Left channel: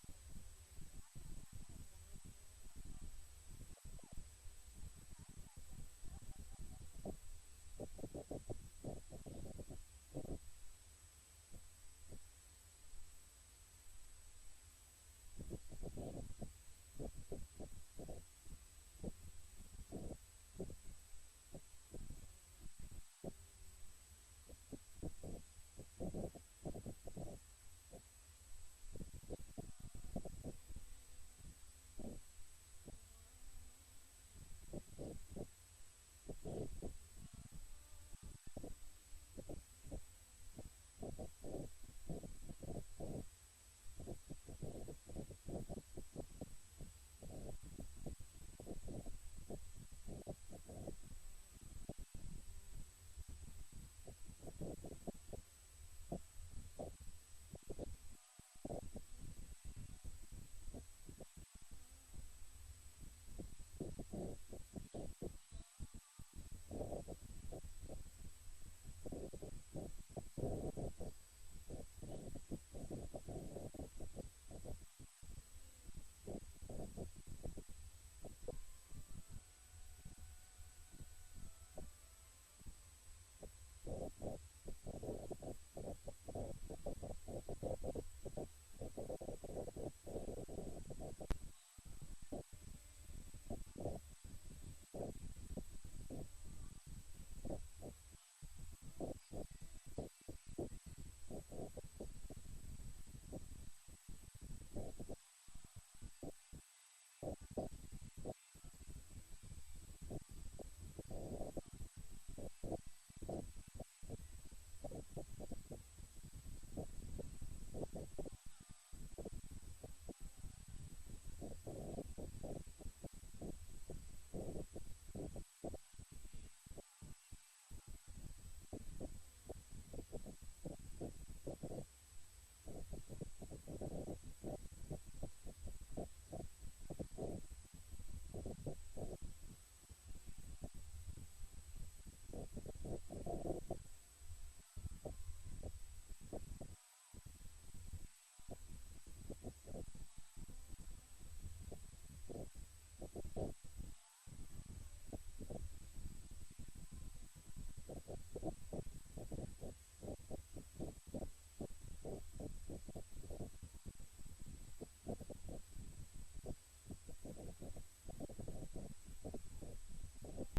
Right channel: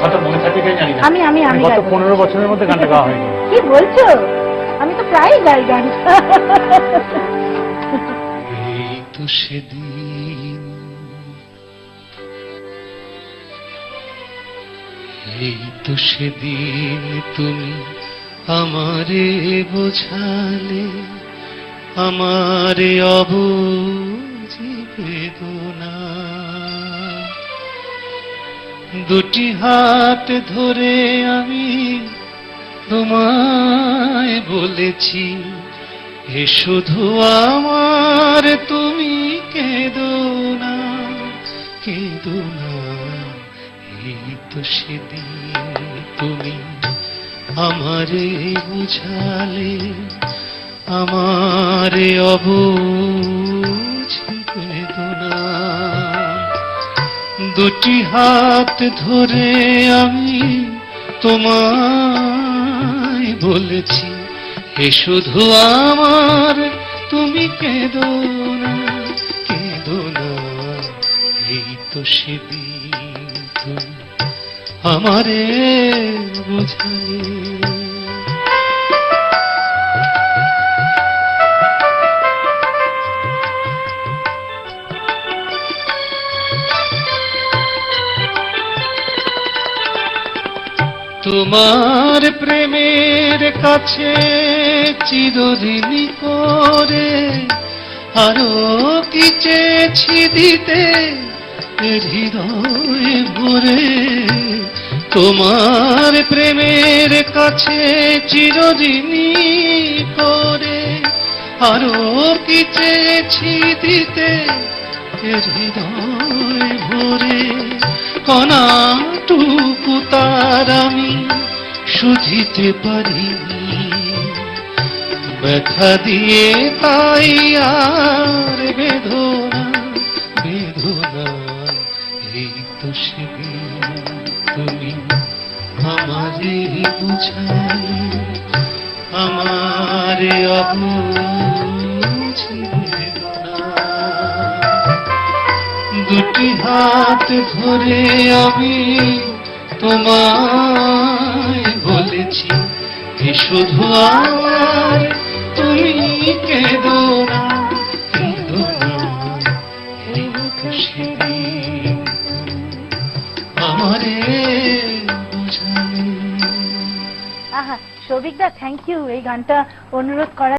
হয়তো মনে থাকবে কিনা জানি না। আমি গত গাইবো। 15 বছরের মধ্যে গানটা গাওয়া হয়নি। কি বলছো? আমি তো প্রায়ই গাই গান। এই তো সেদিন, এই তো সেদিন তুমি আমারে বোঝালে আমারে অবুঝি বেদনা। দুটি হাত ধরে আমি তোমায় বলেছি, এ শুধু আমার, তুমি কেঁদো না, কেঁদো না। এই তো সেদিন তুমি আমারে বুঝালে আমারে অবুঝ বেদনা। দুটি হাত ধরে আমি তোমায় বলেছি, এ শুধু আমার, তুমি কেঁদো না, কেঁদো না। এই তো সেদিন তুমি আমারে বুঝালে। তোমার প্রেমের কাছে চিরঋণী করে আরো কি চেয়েছি দিতে হৃদয় ভরে। তোমার প্রেমের কাছে চিরঋণী করে আরো কি চেয়েছি দিতে হৃদয় ভরে। কণাটুকু তার আমি শুধিতে পারিনি, ব্যথা দিয়ে তাই আর বেদনা, বেদনা। এই তো সেদিন তুমি আমারে বুঝালে আমারে অবুঝ বেদনা। দুটি হাত ধরে আমি তোমায় বলেছি, এ শুধু আমার, তুমি কেঁদো না, কেঁদো না। এই তো সেদিন আমারে বুঝালে। আহা, সৌভিকদা থ্যাংক ইউ এই গানটা অনুরোধ করার